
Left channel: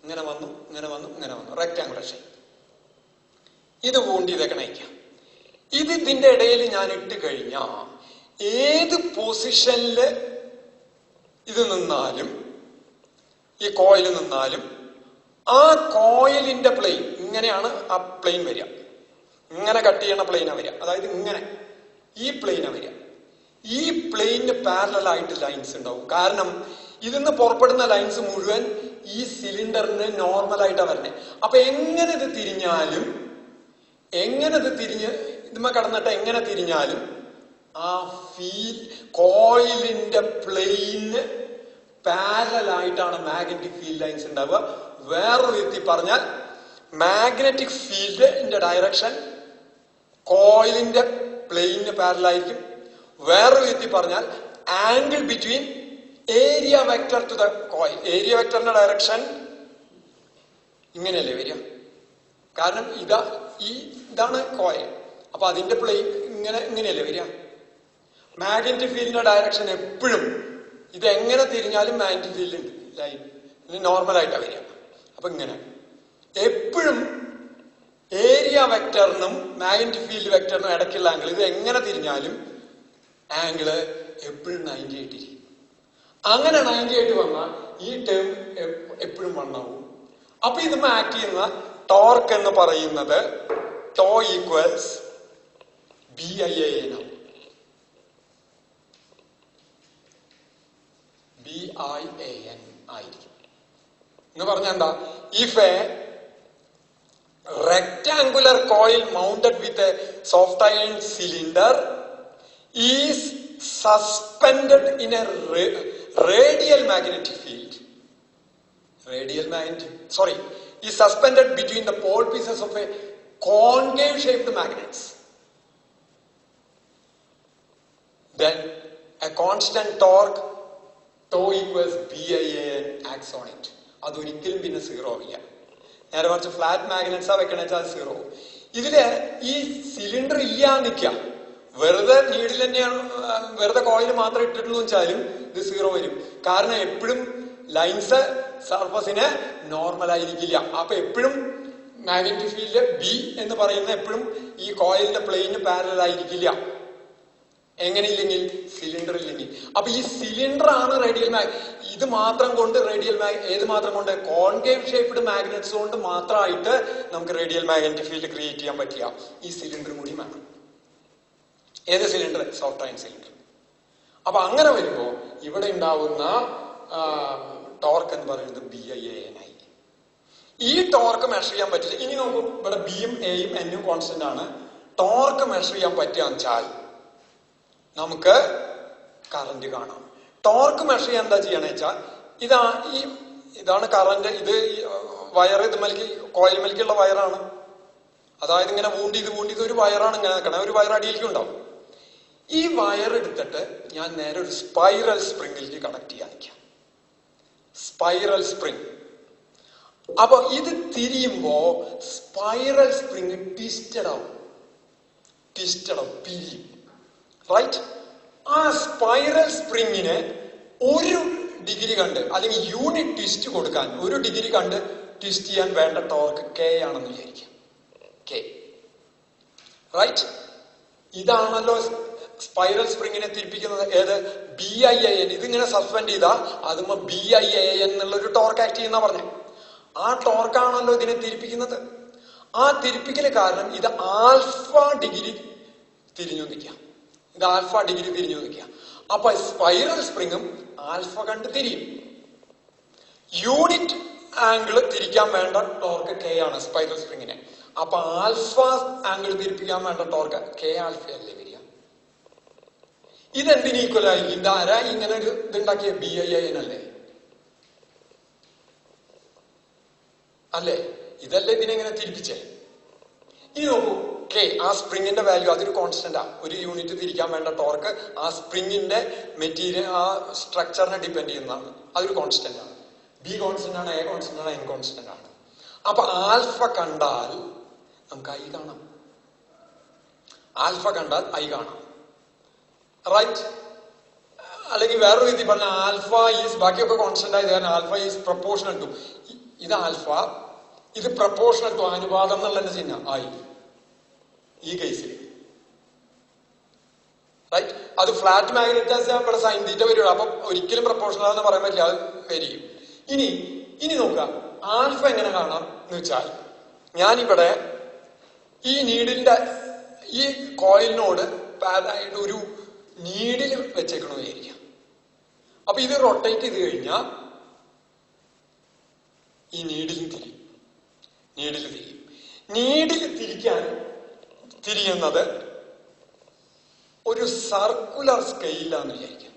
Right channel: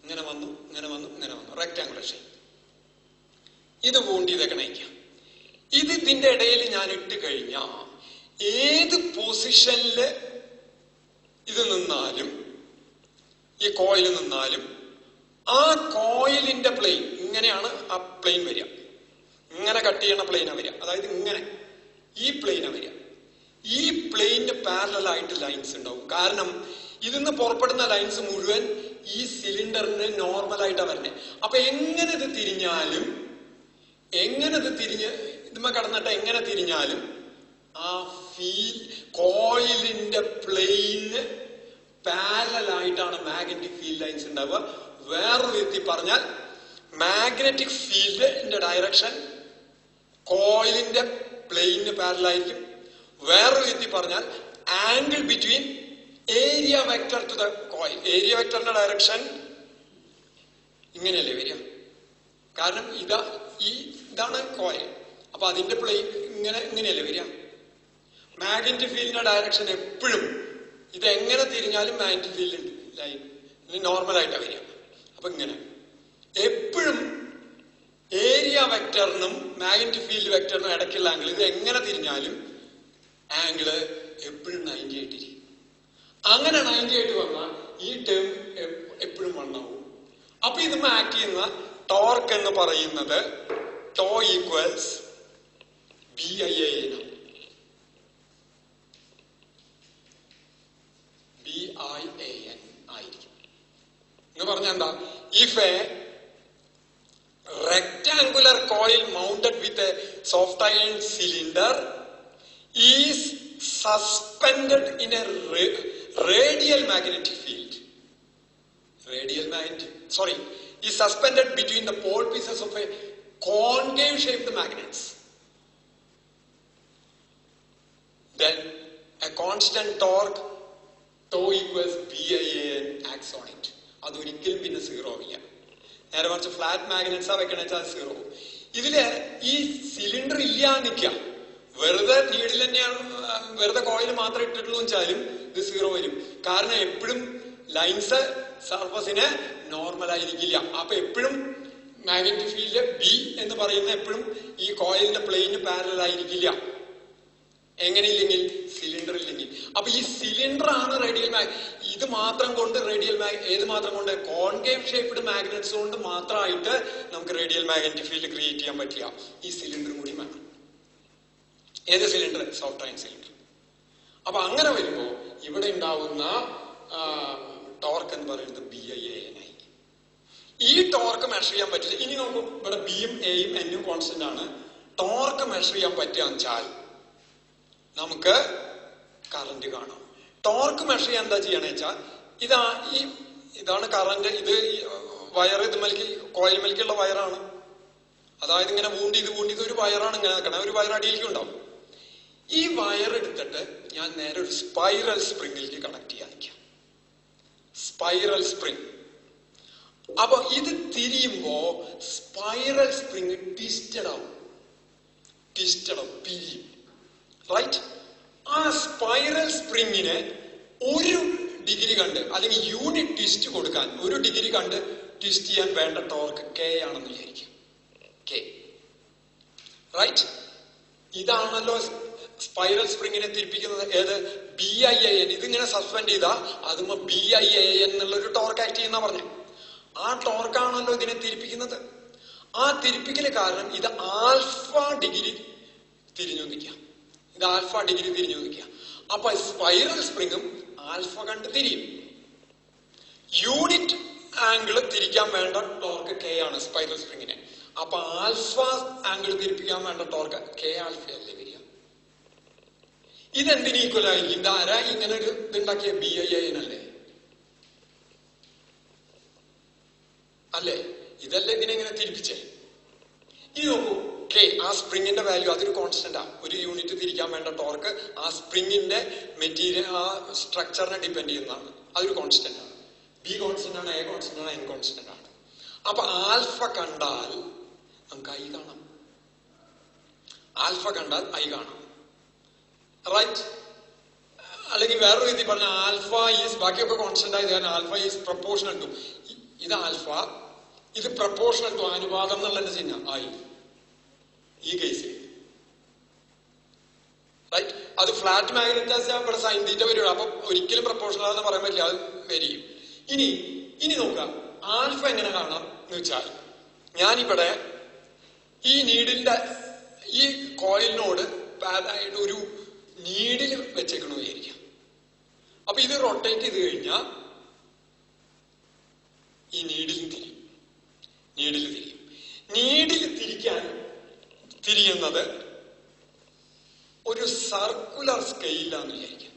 ഇങ്ങനെ വന്നു, ഇങ്ങനെ വന്നു, ഇങ്ങനെ വന്നു, റെക്ടാങ്കുലർ ഷേപ്പ്. ഇത് പൂണ്ടിയതൊക്കെ നയിക്കാം. ഇതിന്റെ ഇടയിൽ ഞാൻ ഇട്ട് കഴിഞ്ഞാ ഏത് പൊസിഷനില് ഇത് നിന്നാലും, ഈ കോയിൽ നിന്നാലും, ആ കോയിലിന്റെ പ്ലെയിൻ ഇങ്ങനെയാണ് ആ പ്ലെയിൻ വരിക. ഇങ്ങനെ കട്ട് ചെയ്യണ പ്ലെയിനാ വരിക. അതായത് ഇങ്ങനെ ഈ പ്ലെയിനാ വരിക. ഈ പ്ലെയിനിന് പാരലൽ ആയിട്ട് ലൈൻസ് ഉണ്ടാവും. കാരണം ഇതിന്ന് പുറപ്പെടുന്ന ലൈൻസ് മുഴുവൻ ഈ സിലിണ്ടറിന് നോർമലായിട്ടാ വരണേ. അപ്പൊ എങ്ങനെ ഇത് തിരിഞ്ഞാലും, ഇതുമ്മ കടന്നിട്ട് എങ്ങനെ തിരിഞ്ഞാലും ആ കോയിലിന്റെ പ്ലെയിന് പാരലൽ ആയിട്ടാണ് മാഗ്നറ്റിക് ഫീൽഡ് ലൈൻസ് ഉണ്ടാവുക. വേറൊരു വിധത്തിൽ പറഞ്ഞാൽ മാഗ്നറ്റിക് ഫീൽഡിന്റെ ഡയറക്ഷൻ കോയിലിന്റെ പ്ലെയിനിന് പാരലൽ ആയിരിക്കും. വേറൊരു വിധത്തിൽ പറഞ്ഞാൽ angle between area vector to the coil, area വെക്ടറിന്റെ ഡയറക്ഷൻ ഇങ്ങനെയല്ലേ വരിക. കാരണം ഇതാണ് കോയിൽ, അപ്പൊ അതിന്റെ പ്ലെയിൻ ഇങ്ങനെയല്ലേ വരിക. മാഗ്നറ്റിക് ഫീൽഡിന്റെ ഡയറക്ഷൻ എപ്പോഴും ഇത് എങ്ങനെ തിരിഞ്ഞാലും മാഗ്നറ്റിക് ഫീൽഡ് ലൈൻ നോർമൽ ആയിട്ടാ വരിക. അപ്പൊ ഇങ്ങനെ എപ്പോഴും ഏരിയ വെക്ടറിനും മാഗ്നറ്റിക് ഫീൽഡ് വെക്ടറിനും ഇടയ്ക്കുള്ള ആംഗിൾ, ഇത് എങ്ങനെ തിരിഞ്ഞാലും ആംഗിള് എപ്പോഴും 98 ഇരിക്കും. അങ്ങനെ 98 വന്നാൽ ഈ ടേം എപ്പോഴും വണ്ണാവും. അപ്പൊ ഇതുമ്മ ആക്ട് ചെയ്യുന്ന ടോർക്ക് എന്ന് പറയുന്നത് ടോ ഈക്വൽസ് BIAN ആണ്. BIAN ആയിരിക്കും എന്ന് പറഞ്ഞാൽ എന്താ? If A rectangular coil mounted with a soft iron cylinder is suspended in a radial magnetic field. Is suspended between the pole pieces of a concave shaped magnets. Then a constant torque tau equals BIAN acts on it. അതൊരിക്കലും പിന്നെ സീറോ ആവില്ല. നേരെ മറിച്ച് ഫ്ലാറ്റ് മാഗ്നറ്റ്സാ വെക്കണെച്ചാൽ അത് സീറോ ആവും. ഇതില് ഈ സിലിണ്ടർ ഇല്ലാതെ നിൽക്കാം, വെറുതെ നീഡിൽ തന്നെയാണ്, വെറുതെ കോയിൽ മാത്രം ഇട്ടിട്ടുള്ളൂ വെച്ചാലും ഇത് സീറോ വരും. കാരണം എപ്പോഴും ലൈൻസ് സർഫസിന് നോർമൽ ആയിരിക്കില്ല. അപ്പൊ എപ്പോഴും മാഗ്നറ്റിക് ഫീൽഡ് ബി എന്ന് പറയുന്ന എപ്പോഴും ഈ കോയിലിന്റെ പ്ലെയിന് പാരലൽ ആയിരിക്കില്ല. എങ്ങനെയില്ലെങ്കിൽ? സിലിണ്ടർ ഇല്ലെങ്കിൽ. അപ്പൊ ഈ സിലിണ്ടർ ആണ് റേഡിയൽ ഇത് മാത്രം കൊണ്ട് ഏത് മാത്രം കൊണ്ട്? കോൺകേവ് ഷേപ്ഡ് മാഗ്നറ്റ്സ് കൊണ്ട് മാത്രമായിട്ട് നമുക്ക് റേഡിയൽ മാഗ്നറ്റിക് ഫീൽഡ് ക്രിയേറ്റ് ചെയ്യാൻ പറ്റില്ല. ഈ സിലിണ്ടർ കൂടി വേണം. ഏത് സിലിണ്ടർ? Soft iron cylinder. അപ്പൊ അങ്ങനെ വരുമ്പോ ഇവിടെ ഉണ്ടാവുന്ന ടോർക്ക് എന്ന് പറയുന്നത് BIAN ആയി. ഈ ടോർക്ക് മെഷർ ചെയ്യാൻ പറ്റില്ല. ഇനി നോക്കൂ, ഇവിടെ ബിയും എയും എന്നും കോൺസ്റ്റന്റ് ആണ്. ടോർക്ക് മെഷർ ചെയ്യാൻ പറ്റുകയെന്ന് വെച്ചാൽ നമുക്ക് കറന്റ് കാണാം. ടോർക്ക് മെഷർ ചെയ്യാൻ എന്താ ചെയ്യണ വെച്ചാൽ ഇതാണ് കറന്റ്. ഇത് വയർ, ഇത് കോയിൽ മലിക്കുള്ള വയറാണ്. അതായത് ഇങ്ങനെ വൂണ്ടി ഒരു വയറാണ് ഇങ്ങനെ നിൽക്കണേ. ഒരു വയർ അടിയിലേക്ക് ഉണ്ടാവും. ഈ വയർ എടുത്തിട്ട് ഞാൻ നേരെ ഒരു സ്പൈറൽ സ്പ്രിംഗിലേക്ക് കണക്ട് ചെയ്യാൻ നിൽക്കാം. Spiral spring. അപ്പൊ ഇത് തിരിയുമ്പോ സ്പൈറൽ സ്പ്രിംഗ് ട്വിസ്റ്റഡ് ആവും, പിരിയും. റൈറ്റ്? ആ സ്പൈറൽ സ്പ്രിങ്ങിന് 1 ഡിഗ്രി കണ്ട് അല്ലെങ്കിൽ യൂണിറ്റ് ട്വിസ്റ്റ് കൊടുക്കാൻ 1 ഡിഗ്രി കണ്ട് ട്വിസ്റ്റ് ചെയ്യാൻ വേണ്ട ടോർക്ക് K ആണെന്ന് വിചാരിക്കാം. K. റൈറ്റ്? ഇതാണല്ലോ സ്പൈറൽ സ്പ്രിങ്ങിനെ തിരിപ്പിക്കുന്നത്. ഏത്? BIAN. ഇതിങ്ങനെ സസ്പെൻഡ് ചെയ്താൽ അതുമ്പോ BIAN എന്നുള്ളൊരു ടോർക്ക് ആക്ട് ചെയ്യുന്ന പറഞ്ഞേ. ആ ടോർക്കാണല്ലോ ഇതിനെ തിരിപ്പിക്കുന്നത്. ആ തിരിപ്പിക്കല് കാരണം ഇത് ആൽഫ ഡിഗ്രി തിരിഞ്ഞു നിൽക്കാം. അപ്പൊ സ്പൈറൽ സ്പ്രിങ്ങും ആൽഫ കണ്ട് തിരിയും. യൂണിറ്റ് ആംഗിൾ തിരിക്കാൻ വേണ്ട ടോർക്ക് K ആണ് സ്പൈറൽ സ്പ്രിങ്ങിന്. അപ്പൊ ആൽഫ ആംഗിൾ തിരിപ്പിക്കാൻ വേണ്ട ടോർക്ക് K ആൽഫ അല്ലേ വരിക. ഇതെന്തിന് ഈക്വൽ ആയിരിക്കും? ഇതാരാ ഇങ്ങനെ ഒരു ഇതുണ്ടാക്കിയ? BIAN അല്ലേ? ഇതല്ലേ ഇതിനെങ്ങനെ തിരിപ്പിച്ചേ? ഇനി നോക്കൂ, K ആ സ്പ്രിങ്ങിന്റെ വാല്യൂ, അതൊരു കോൺസ്റ്റന്റ് ആ. 1 യൂണിറ്റ് തിരിക്കാൻ വേണ്ട ടോർക്ക് ആ സ്പ്രിങ്ങിന്റെ മെറ്റീരിയൽ, ആ സ്ട്രക്ചറിനെ ഡിപ്പെൻഡ് ചെയ്യുന്നതാണ്. അതൊരു കോൺസ്റ്റന്റ് ആണ്. B കോൺസ്റ്റന്റ് ആണ്, A കോൺസ്റ്റന്റ് ആണ്, N കോൺസ്റ്റന്റ് ആണ്. അപ്പൊ ആൽഫ കണ്ടാൽ നമുക്ക് ഐ കാണാം. ആൽഫ കണ്ടാൽ ഐ കാണാം, റൈറ്റ്? അല്ലെങ്കിൽ വേറൊരു രീതി പറഞ്ഞ ആൽഫ ഈസ്, ബാക്കിയൊക്കെ കോൺസ്റ്റന്റ് ആയത് കാരണം ആൽഫ ഈസ് പ്രപ്പോർഷണൽ ടു, ഇത് ആൽഫ, ഇത് പ്രപ്പോർഷണൽ ടു, അനുപാതം എന്നുള്ള ചിഹ്നം ഐ ഈ കേസിൽ, റൈറ്റ്? അത് ഫ്ലാറ്റ് മാഗ്നറ്റൈസ് ഇവിടെ സൈൻ തീറ്റ വരുള്ളൂ. അപ്പൊ ഒരിക്കലും പ്രപ്പോർഷണൽ എന്ന് പറയാൻ പറ്റില്ല, അത് വരും. ഇനി നോക്കുക ആൽഫ എങ്ങനെ കാണാം എന്ന് വെച്ചാൽ, ഞാനിവിടെ ഈ നീഡിലിന്റെ ഈ കോയിലിനോട് പാരലായിട്ട് ഒരു നീഡിൽ വെച്ചേക്കണമെന്ന് വിചാരിക്കാം. അപ്പൊ ഇത് റൊട്ടേറ്റ് ചെയ്ത് കഴിഞ്ഞാൽ ഈ നീഡിൽ തിരിയും. നീഡിൽ തിരിയുന്നത് ഒരു സർക്കുലർ സ്കെയിലാന്ന് വിചാരിക്കാം.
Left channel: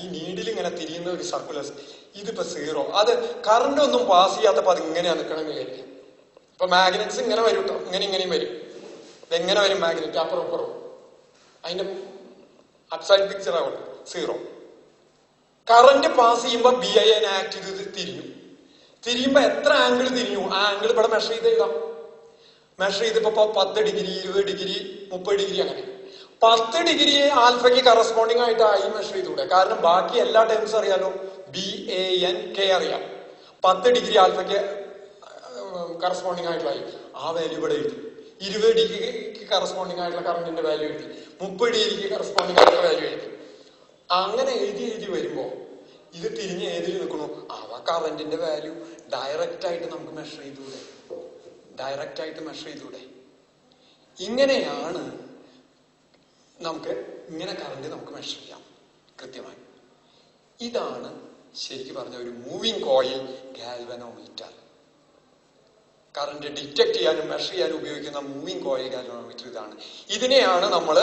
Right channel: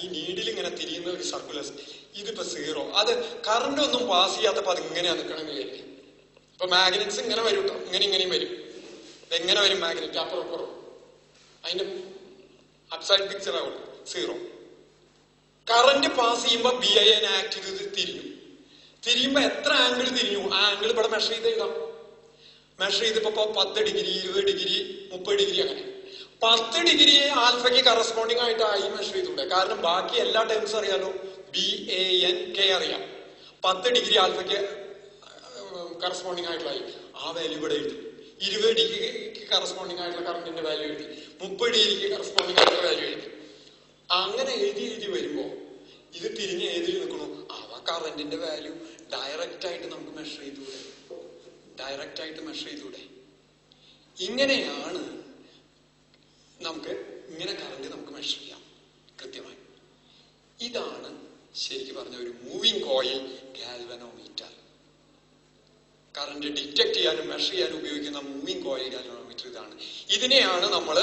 ഈ നീഡിൽ ഇങ്ങനെ തിരിയുന്ന ഒരു സർക്കുലർ സ്കെയിൽ, ഇതിപ്പോ 0, അത് കറണ്ട് ഒന്നും പാസ് ചെയ്യാത്തപ്പോ അത് ഇങ്ങനെയാ നിൽക്കണമെന്ന് വിചാരിക്കാം. ഇപ്പൊ മാഗ്നറ്റ്സ് ഇങ്ങനെ വരും കേട്ടോ, ഇങ്ങനെയും വരും. ഇതെങ്ങനെ വരും മാഗ്നറ്റ്? അപ്പുറം അതിന്റെ അപ്സൈഡ് പിക്ചർ ആവട്ടെ 0. കറന്റ് പാസ് ചെയ്യുമ്പോ BI ആക്ട് ചെയ്ത് തിരിയുമ്പോ എത്ര ആംഗിൾ തിരിഞ്ഞു, ആ ആംഗിൾ ഇവിടെ മെഷർ ചെയ്ത് എഴുതാം. മെഷർ ചെയ്തപ്പോ 10 ഡിഗ്രി, 20 ഡിഗ്രി, 30 ഡിഗ്രി, അങ്ങനെ 10 ഡിഗ്രി ആൽഫയ്ക്ക് കറസ്പോണ്ടിങ് ആയിട്ട് ഐ മെഷർ ചെയ്തുകൂടെ? കാരണം ബാക്കി എല്ലാ ടേംസ് അറിയാലോ, BANK അറിയാം. 10 ഡിഗ്രി ആൽഫയ്ക്ക് കറസ്പോണ്ടിങ് ആയിട്ടുള്ള ഐ, ആ വാല്യൂ ഇവിടെ എഴുതി. 20 ഡിഗ്രിക്ക് കറസ്പോണ്ടിങ് ആയിട്ടുള്ള കറണ്ടിന്റെ വാല്യൂ എഴുതി. 30 ഡിഗ്രിക്ക് കറസ്പോണ്ടിങ് ആയിട്ടുള്ള വാല്യൂ എഴുതി. അങ്ങനെ എഴുതി വരുമ്പോ ഇത് തിരിഞ്ഞ് ഏതിൽ നിൽക്കണു, അവ കറണ്ടിന്റെ വാല്യൂ ഡയറക്റ്റ് ആയിട്ട് നമുക്ക് മെഷർ ചെയ്തൂടെ? ഇങ്ങനെയാണ് നമുക്ക് ഇങ്ങനെ കറണ്ട് നമുക്ക് മെഷർ ചെയ്യാം കൃത്യമായി. ഇതാണ് ശരിക്കും പറഞ്ഞ ഒരു moving coil galvanometer. Current detect ചെയ്യാനും മെഷർ ചെയ്യാനും ഉപയോഗിക്കുന്ന മൂവിങ് കോയിൽ ഗാൽവനോമീറ്റർ ഇതാണ്. ഇതിനെയാണ് നമ്മൾ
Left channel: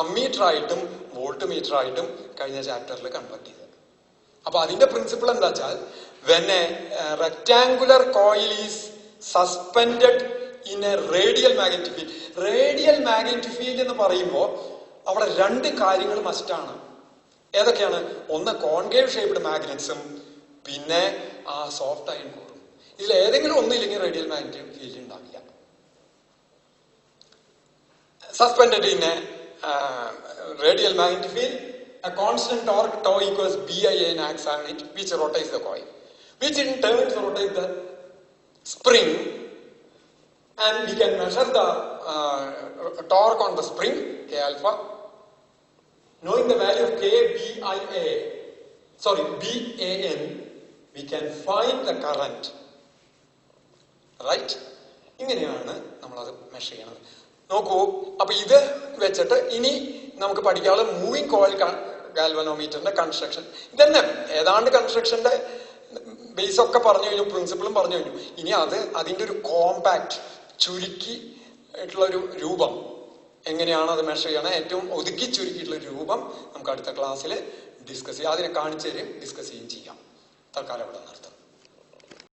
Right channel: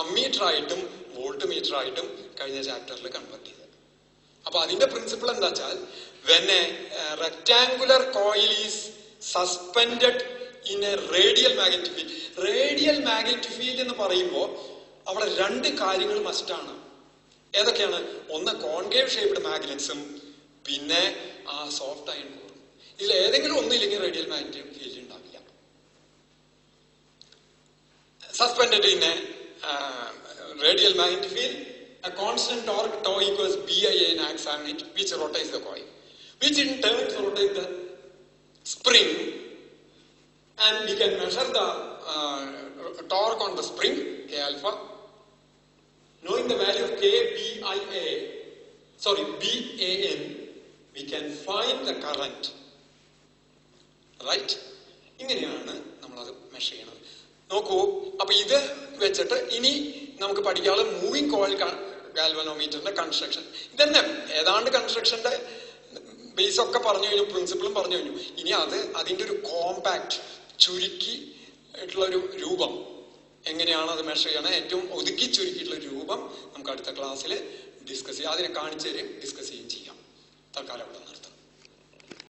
അമ്മീറ്റർ ആയിട്ടും വോൾട്ട് മീറ്റർ ആയിട്ടും കഴിഞ്ഞ ചാപ്റ്ററിൽ കൺവെർട്ട് ചെയ്തത്. അപ്പൊ അതിന്റെ പ്രിൻസിപ്പിൾ എന്താ വെച്ചാൽ, when A rectangular coil is suspended in A radial magnetic field. Radial magnetic field എന്ന് പറയുമ്പോൾ അവിടെ 2 കാര്യങ്ങൾ മസ്റ്റാണ്. ഏതൊക്കെയാണ്? ഒന്ന് കോൺകേവ് ഷേപ്ഡ് മാഗ്നറ്റ്സും പിന്നെ ആ സോഫ്റ്റ് അയൺ കോറും. ഇതിൽ ഏതെങ്കിലും ഒന്നില്ലെങ്കിൽ റേഡിയൽ മാഗ്നറ്റിക് ഫീൽഡ് ഉണ്ടാവില്ല. Suspended in A radial magnetic field, a constant torque tau equals BIN acts on it, which rotates the coil, which in turn rotates the spring, and we can measure the torque on the spring, K alpha. Knowing the value of BAN, we can find the current, right? ഇങ്ങനെയാണ് നമ്മളത് മെഷർ ചെയ്യണത്. നോക്കൂ, അപ്പൊ ഇത് വെച്ചിട്ട് ഇനി നമുക്ക് പഠിക്കാനുള്ള മൂവിങ് കോയിൽ ഗാൽവനോമീറ്ററിന്റെ കൺസ്ട്രക്ഷൻ ഇതന്നെ. ഏതാണ്ട് കൺസ്ട്രക്ഷന്റെ ബേസ് ഒക്കെ പറഞ്ഞു കഴിഞ്ഞു, പ്രിൻസിപ്പിളും പറഞ്ഞു കഴിഞ്ഞു. ഇനി അതിന്റെ ഒരു കോമ്പാക്ട് ചുരുക്കി ആയിട്ടുള്ള ഒരു രൂപം, എങ്ങനെയാണ് അത് മെഷർ ചെയ്യണം, ഏറ്റവും ഒതുക്കി ചുരുക്കിയിട്ടുള്ള രൂപം നമുക്ക് അടുത്ത ക്ലാസ്സിൽ ഡിസ്കസ് ചെയ്യാം. അതിനെ കാണിച്ചു തരും, ഡിസ്കസ് ചെയ്യുകയും ചെയ്യാം. തൽക്കാലം ഇവിടെ നിർത്താം.